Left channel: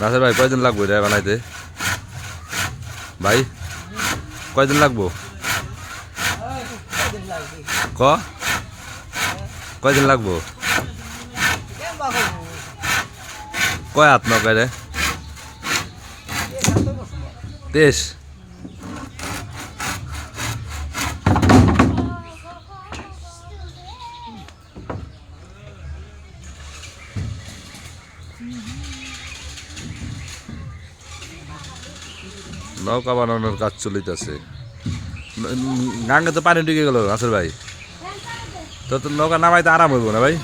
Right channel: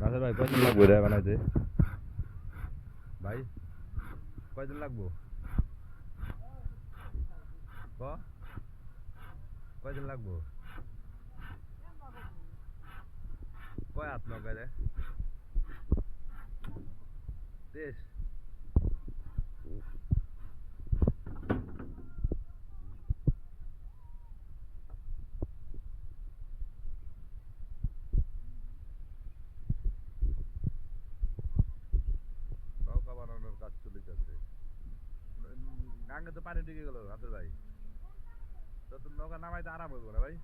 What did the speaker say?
নাসের ভাই কয়দিন লাগবো রে বানাইতে ভাই কয়দিন লাগবো ক কয়দিন লাগবো কয় হাত নৌকায় রে 23 নৌকা বানানোর কাজ চলিতেছে গাঙ্গে তো পানি ঢুকে গেল নাসের ভাই তো নৌকা নামাইতে আরাম হইব না ভাই